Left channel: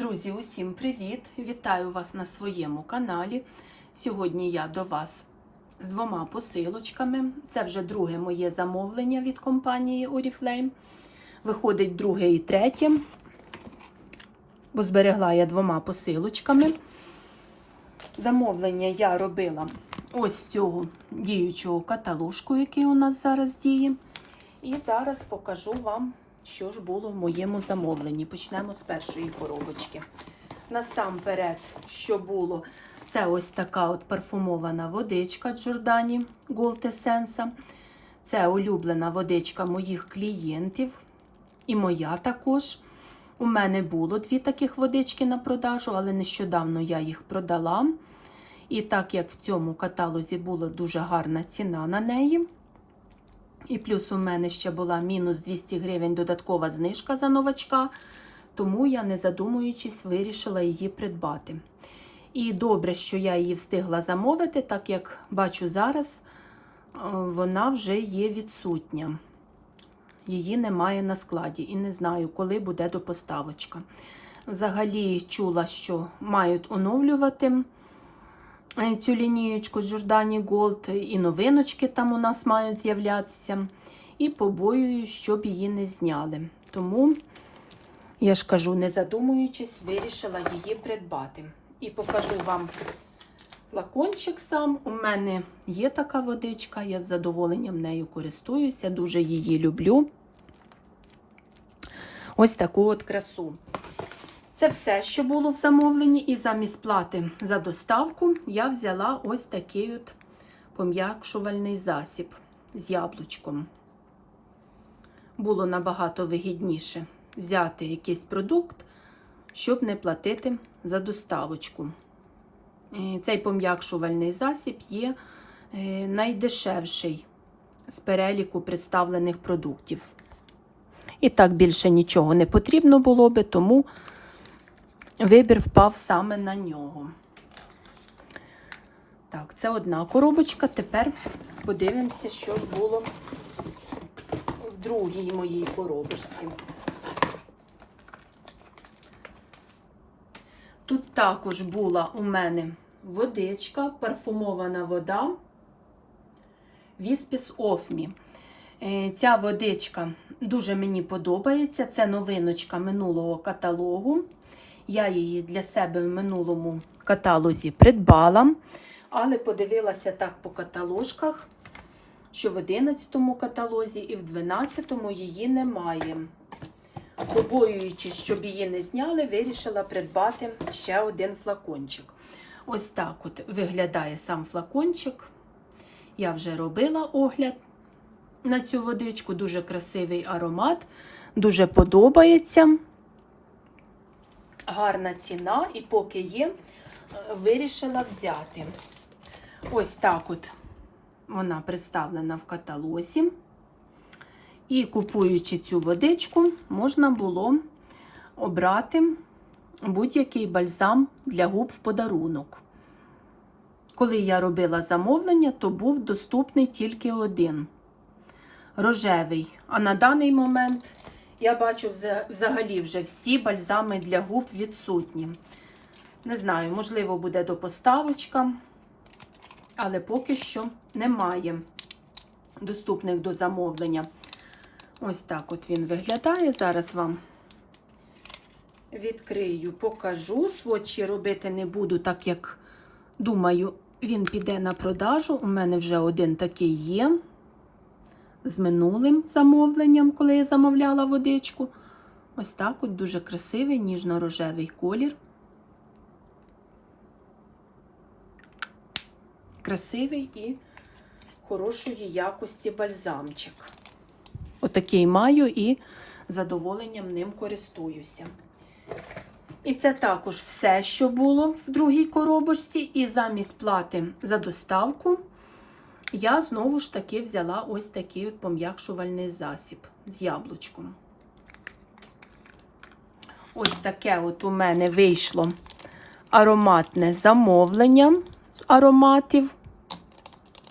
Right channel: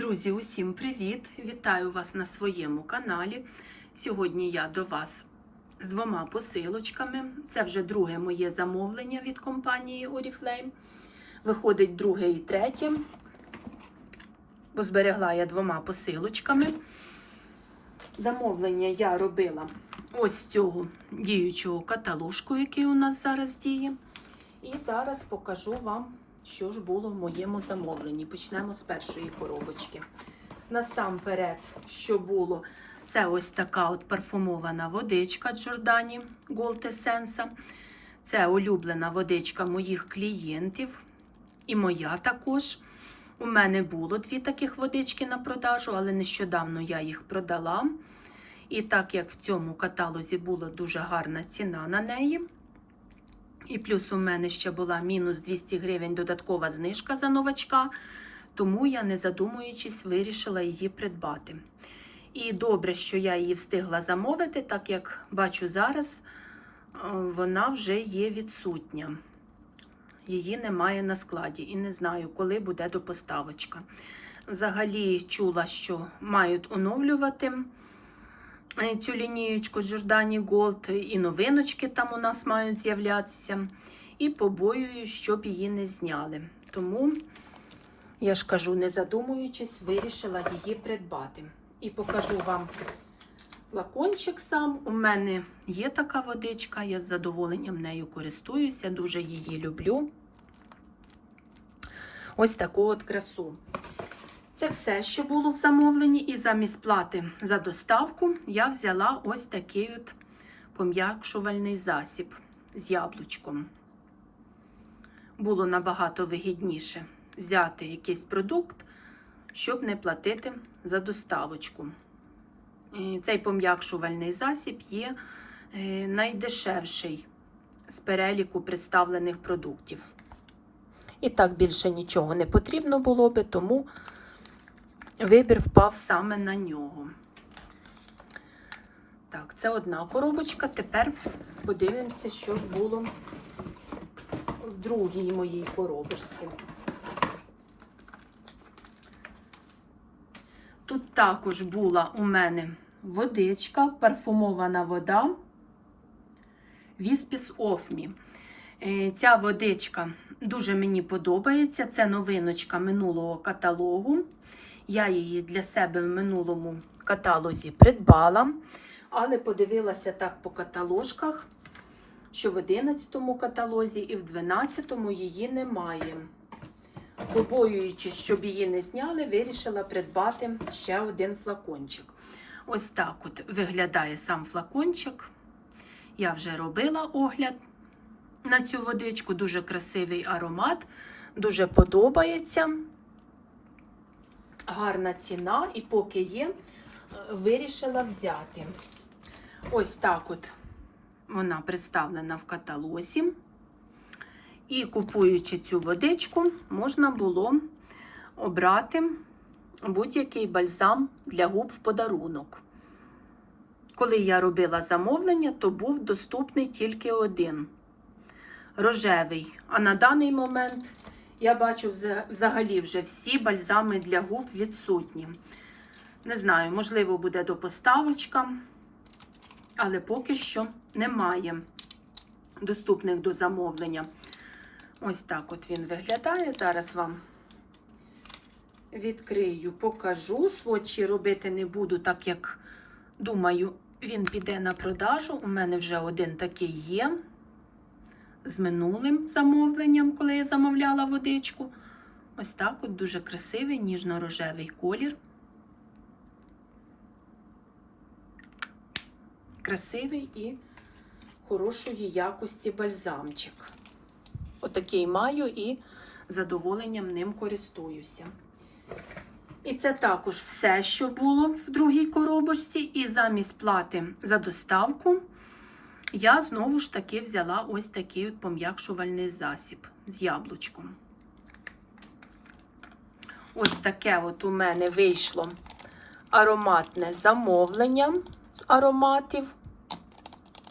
Друзі, усім привіт! Вітаю вас на своєму каналі. Сьогодні я до вас з двома посилочками. Це вже друге моє замовлення від компанії Oriflame. Виходить друге і третє, бо зберегла я двома посилочками. Замовлення я робила ось цього діючого каталожку, який у нас зараз діє. І зараз покажу вам, що ж було в моєму замовленні. Почнемо з першої коробочки. Насамперед, що було, це ось така от парфумована водичка Джордані Gold Essence. Це улюблена водичка моїх клієнтів. І моя також. У мене було дві таких водички на продажу, але нещодавно я їх продала. І так як в цьому каталозі була дуже гарна ціна на неї. І плюс у мене ще була мінус 200 гривень додаткова знижка за новачка, тому я, не задумуючись, вирішила її придбати. І добре, що я її встигла замовити, так як бачу зараз, вона вже є відсутня. Її немає на складі і не знаю, коли буде до поставочка. Взагалі чула, що мають оновлювати цю лінієчку Giordani Gold, і новиночки там у нас мають з'являтися. І побоюю, щоб її не зняли. Тому, я ж кажу, не задумуючись, вирішила її придбати. І покажу вам флакончик сам. У мене є така водичка, я з задоволенням нею користуюся, дуже її люблю. Ось таку от красу. Це все, що було в замовленні, і замість плати за доставку я взяла ось такий от пом'якшувальний засіб з яблучком. Було набагато вигідніше взяти якийсь продукт, щоб не платити за доставочку. Цей пом'якшувальний засіб є найдешевший з переліку представлених продуктів. І так більше нічого не потрібно було би, тому вибір впав саме на нього. Так, це одна коробочка. Тепер подивимося, що ж було в другій моїй коробочці. Тут також була у мене водичка, парфумована вода Віспіс Офмі. Ця водичка дуже мені подобається. Це новиночка минулого каталогу. Я її для себе в минулому каталозі придбала, але подивилася так по каталожках, що в 11 каталозі і в 12 її немає. Побоюючись, щоб її не зняли, вирішила придбати ще один флакончик. Ось так от виглядає сам флакончик. Я вже робила огляд на цю водичку, дуже красивий аромат, дуже подобається гарна ціна, і поки є, вирішила взяти. Ось так от вона представлена в каталозі. І купуючи цю водичку, можна було обрати будь-який бальзам для губ в подарунок. Коли я робила замовлення, то був доступний тільки один рожевий. А на даний момент я бачу взагалі вже всі бальзами для губ відсутні. Не знаю, можливо, буде до поставочка, але поки що немає доступних до замовлення. Ось так от він виглядає. Зараз вам відкрию, покажу. Сводчі робити не буду, так як, думаю, він піде на продажу. У мене вже один такий є з минулим замовленням, коли я замовляла водичку. Ось так от дуже красивий ніжно-рожевий колір. Красивий і хорошої якості бальзамчик. Отакий маю і задоволенням ним користуюся. І це також все, що було в другій коробочці, і замість плати за доставку. Я знову ж таки взяла ось такий пом'якшувальний засіб з яблучком. Ось таке от у мене вийшло ароматне замовлення з ароматів.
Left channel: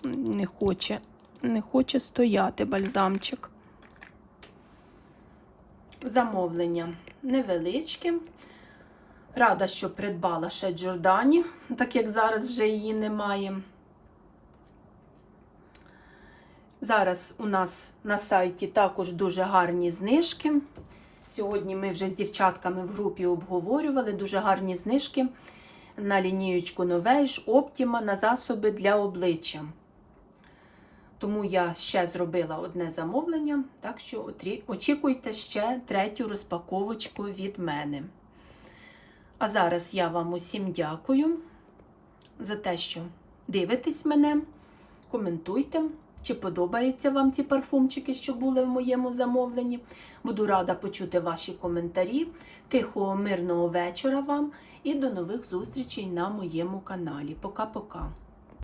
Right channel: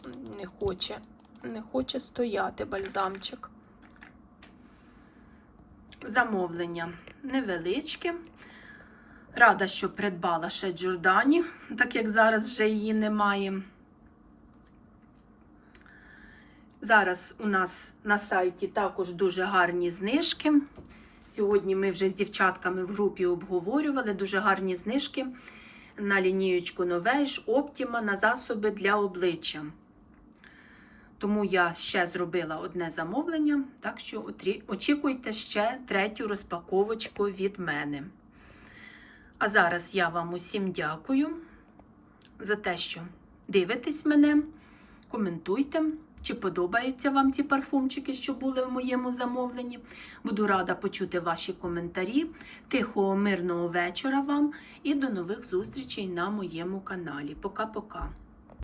Не хоче, не хоче стояти бальзамчик. Замовлення невеличке. Рада, що придбала ще Джордані, так як зараз вже її немає. Зараз у нас на сайті також дуже гарні знижки. Сьогодні ми вже з дівчатками в групі обговорювали дуже гарні знижки на лінієчку Новейш, Оптіма на засоби для обличчя. Тому я ще зробила одне замовлення, так що очікуйте ще третю розпаковочку від мене. А зараз я вам усім дякую за те, що дивитесь мене, коментуйте, чи подобаються вам ці парфумчики, що були в моєму замовленні. Буду рада почути ваші коментарі. Тихого, мирного вечора вам і до нових зустрічей на моєму каналі. Пока-пока.